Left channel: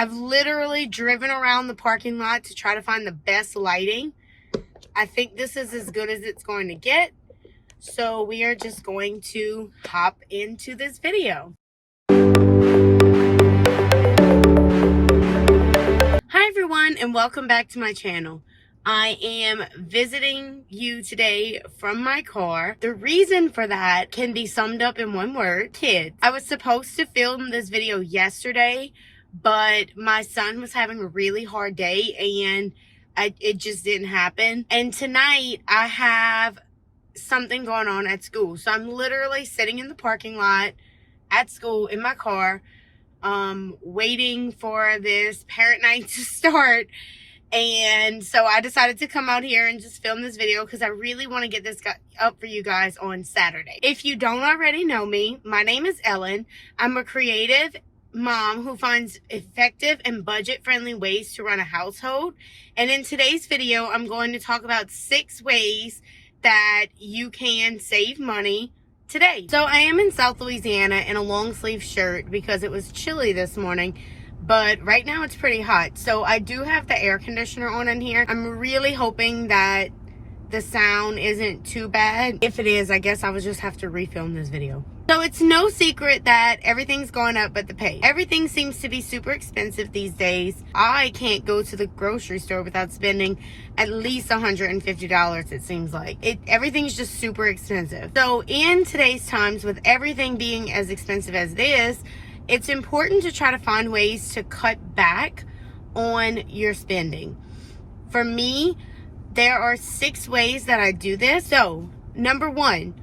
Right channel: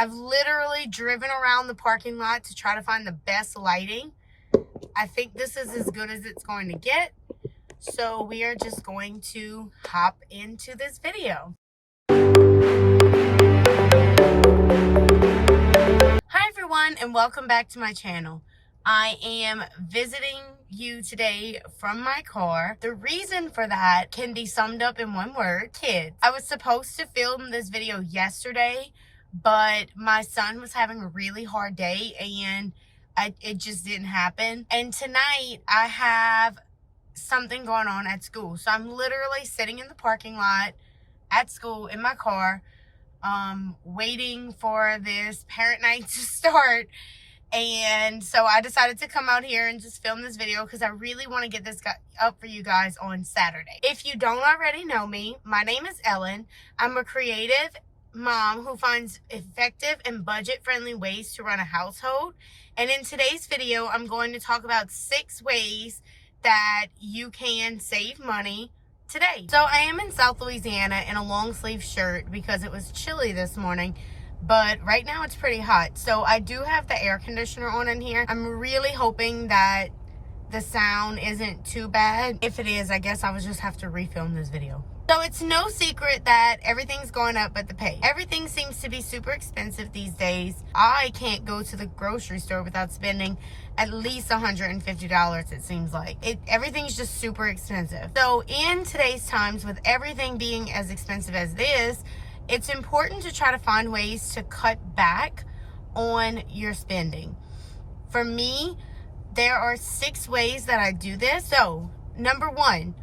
I've literally driven around the parking lot to try to find the best lighting. I think this is as good as it's going to get. So we are just going to hop into this video. Hi everyone, and welcome back to my channel. I am visiting you today from my car. The reason for that can be summed up in one word: kids. I was supposed to film this video yesterday, but my son was having a really hard day and it just didn't happen. And tonight I have something going on at school. So I'm literally sitting in the parking lot at school in my car, waiting for this parent night to start. And so I decided to come out here and just film this video because I really want to get this up for you guys on Saturday. If you don't already know me, my name is Ellen. I'm a creative mom who finds effective and budget-friendly ways to run a household. And in today's video, I'm going to talk about 6 ways that you can save money today. So I am in South Louisiana in a long sleeve shirt because it was chilly this morning. But right now it's pretty hot. So I do have the air conditioner on in here. I'm really hoping that the sound isn't too bad. If it is, I guess I would just have to refilm this video. So it's no secret that everything's going up but the pay. Everything seems to be super expensive these days. I can't go to the grocery store without spending at least $150, it seems like. Everything's just super expensive. So in today's times, with everything being as expensive as it is, it's important to try to find ways to cut back on your spending. For me, there are 6 ways that I do this. So, number 1,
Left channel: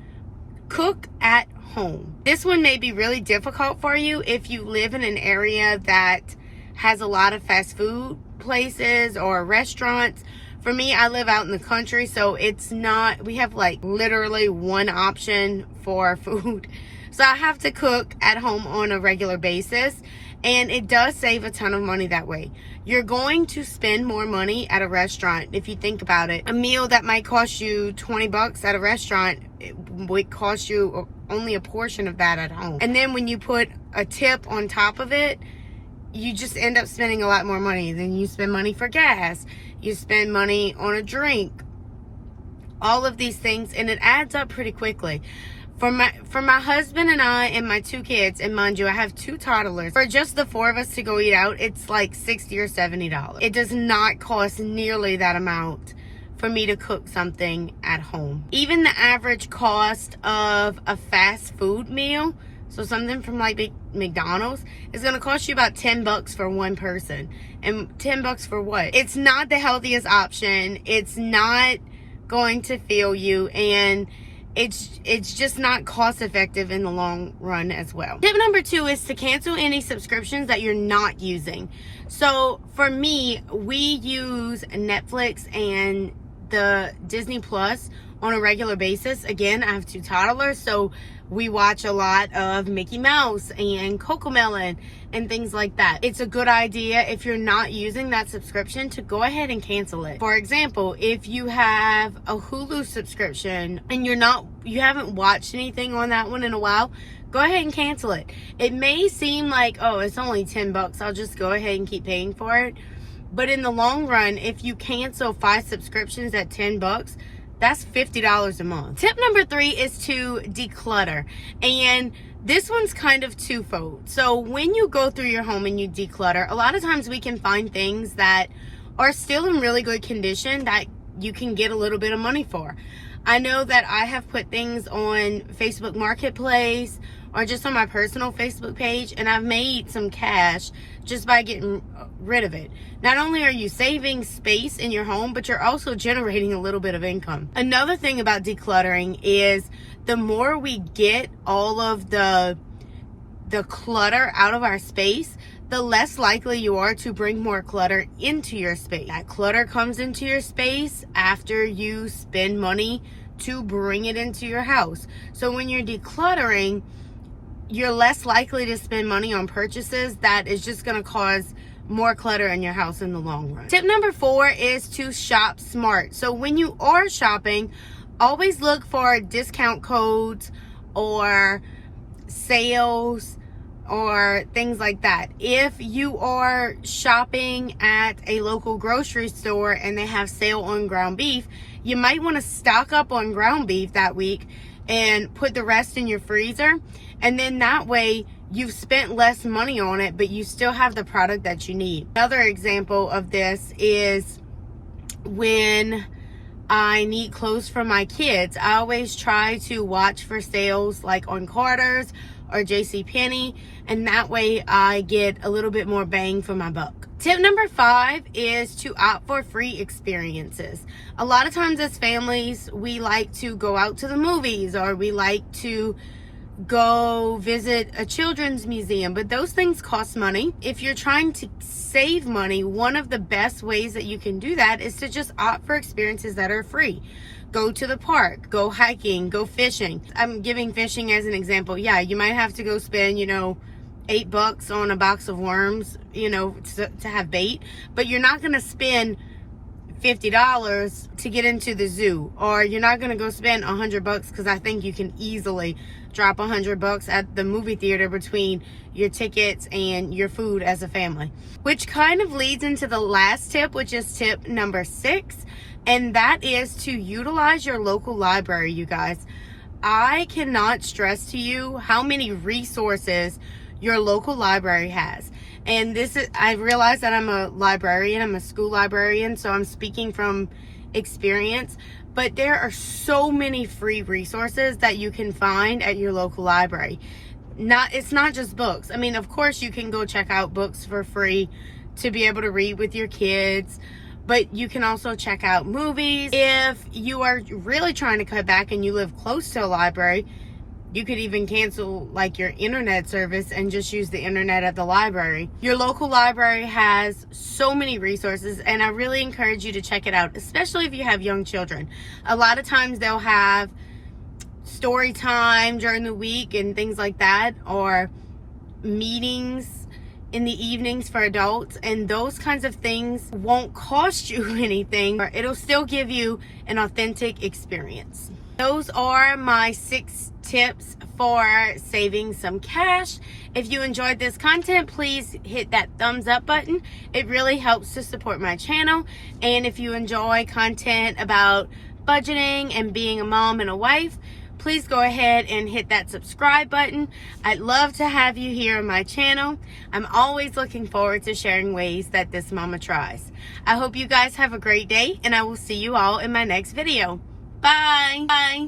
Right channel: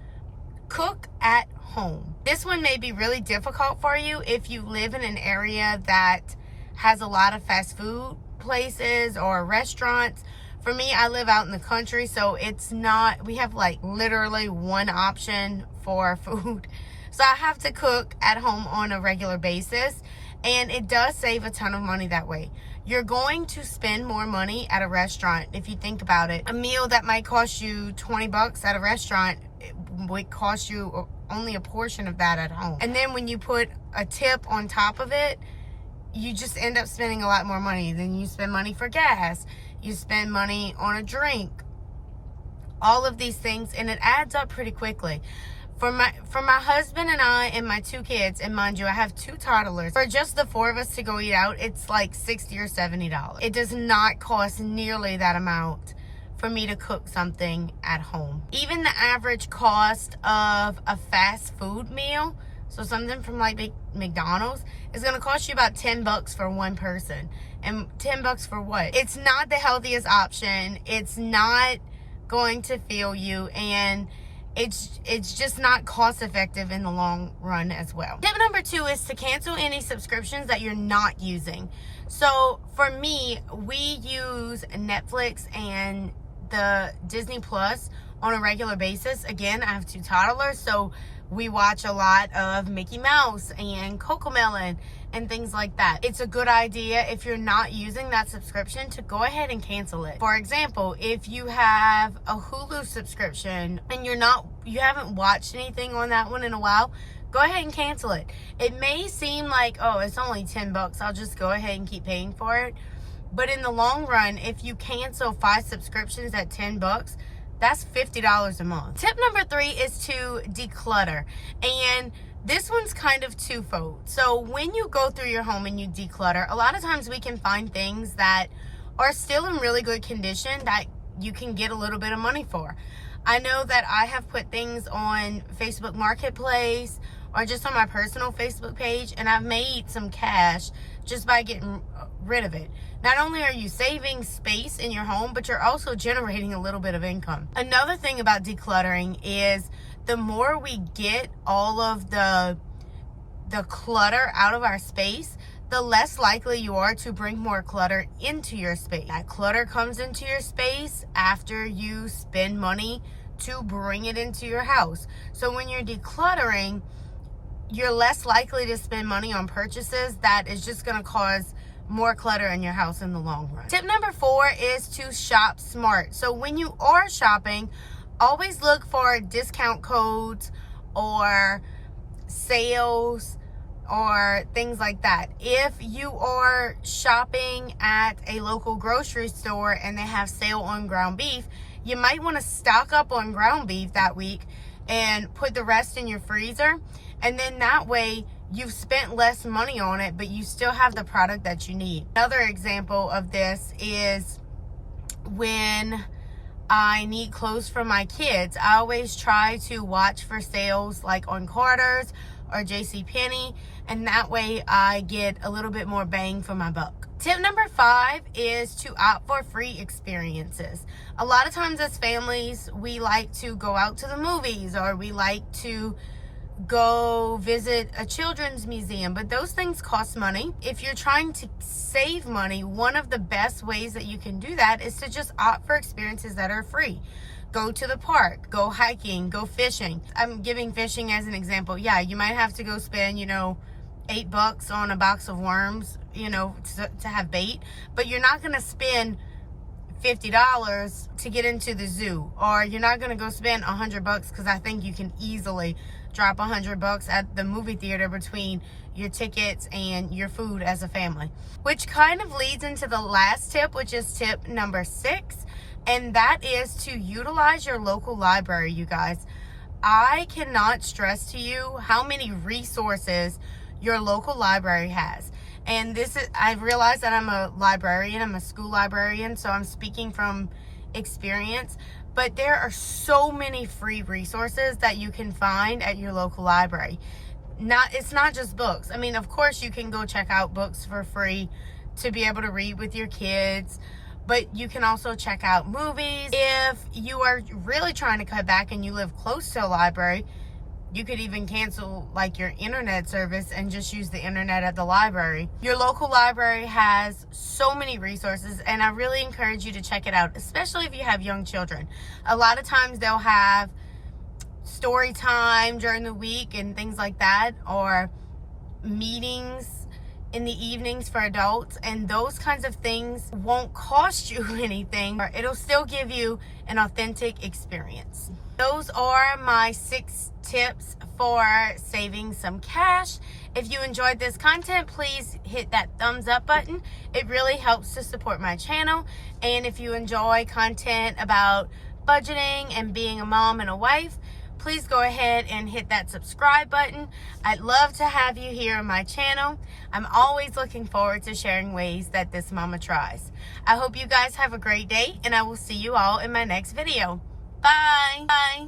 cook at home. This one may be really difficult for you if you live in an area that has a lot of fast food places or restaurants. For me, I live out in the country, so it's not, we have like literally one option for food. So I have to cook at home on a regular basis, and it does save a ton of money that way. You're going to spend more money at a restaurant if you think about it. A meal that might cost you 20 bucks at a restaurant, it would cost you only a portion of that at home. And then when you put a tip on top of it, you just end up spending a lot more money. Then you spend money for gas, you spend money on a drink, all of these things, and it adds up pretty quickly. For my husband and I and my 2 kids, and mind you, I have 2 toddlers. For just the 4 of us to go eat out, it's like $60 or $70. It does not cost nearly that amount for me to cook something at home. Even the average cost of a fast food meal, so something from like McDonald's, is going to cost you about 10 bucks for one person. And 10 bucks for what? It's not the healthiest option. It's not going to fill you, and it's just not cost effective in the long run as well. Tip number 2 is to cancel any subscriptions that you're not using. So for me, we use Netflix and the Disney Plus on a regular basis. Again, I have 2 toddlers, so we watch a lot of Mickey Mouse and Cocomelon and things like that. It's a good idea, if you're not using that subscription, to go ahead and cancel it. For example, if you have a Hulu subscription and you haven't watched anything on that one in a while, go ahead and cancel it. It may seem like, oh, it's only 10 bucks, I'll just go ahead and keep paying for it. But in the long run, if you cancel 5 subscriptions at 10 bucks, that's $50 a month. Tip number 3 is to declutter. And this one's kind of twofold. So when you go through your home and you declutter, a lot of times we can find things that are still in really good condition that you can get a little bit of money for. I know that I have put things on Facebook Marketplace or just on my personal Facebook page, and I've made some cash just by getting rid of it. Not only are you saving space in your home, but you're also generating a little bit of income. Another thing about decluttering is the more we get all of the clutter out of our space, the less likely you are to bring more clutter into your space. That clutter comes into your space after you spend money to bring it into your house. So when you're decluttering, you're less likely to spend money on purchases that is just going to cause more clutter in your house in the long run. Tip number 4 is to shop smart. So when you are shopping, always look for discount codes or sales or things like that. If you are shopping at a local grocery store and they have sale on ground beef, you might want to stock up on ground beef that week and put the rest in your freezer. And then that way you've spent less money on it, but you still have the product that you need. Another example of this is when I need clothes for my kids. I always try to watch for sales like on Carter's or JCPenney, and that way I get a little bit more bang for my buck. Tip number 5 is to opt for free experiences. A lot of times as families, we like to go out to the movies, or we like to go visit a children's museum, but those things cost money. If you're trying to save money, one of the best ways that you can do that is to just opt for experiences that are free. Go to the park, go hiking, go fishing. I'm giving fishing as an example. Yeah, you might have to go spend, $8 on a box of worms, to have bait, but you're not going to spend $50 to get into the zoo, or you're not going to go spend $100, because I think you can easily drop $100 at the movie theater between your tickets and your food as a family. Which kind of leads into the last tip, which is tip number 6, and that is to utilize your local library, you guys. I cannot stress to you how many resources your local library has. And I realize that I'm a librarian, I'm a school librarian, so I'm speaking from experience, but there are so many free resources that you can find at your local library. It's not just books. I mean, of course you can go check out books for free to be able to read with your kids, but you can also check out movies. If you are really trying to cut back and you live close to a library, you could even cancel like your internet service and just use the internet at the library. Your local library has so many resources, and I really encourage you to check it out, especially if you have young children. A lot of times they'll have story time during the week and things like that, or meetings in the evenings for adults, and those kinds of things won't cost you anything, or it'll still give you an authentic experience. Those are my 6 tips for saving some cash. If you enjoyed this content, please hit that thumbs up button. It really helps to support my channel. And if you enjoy content about budgeting and being a mom and a wife, please go ahead and hit that subscribe button. I'd love to have you here on my channel. I'm always looking forward to sharing ways that this mama tries. I hope you guys have a great day, and I will see you all in my next video. Bye. Bye.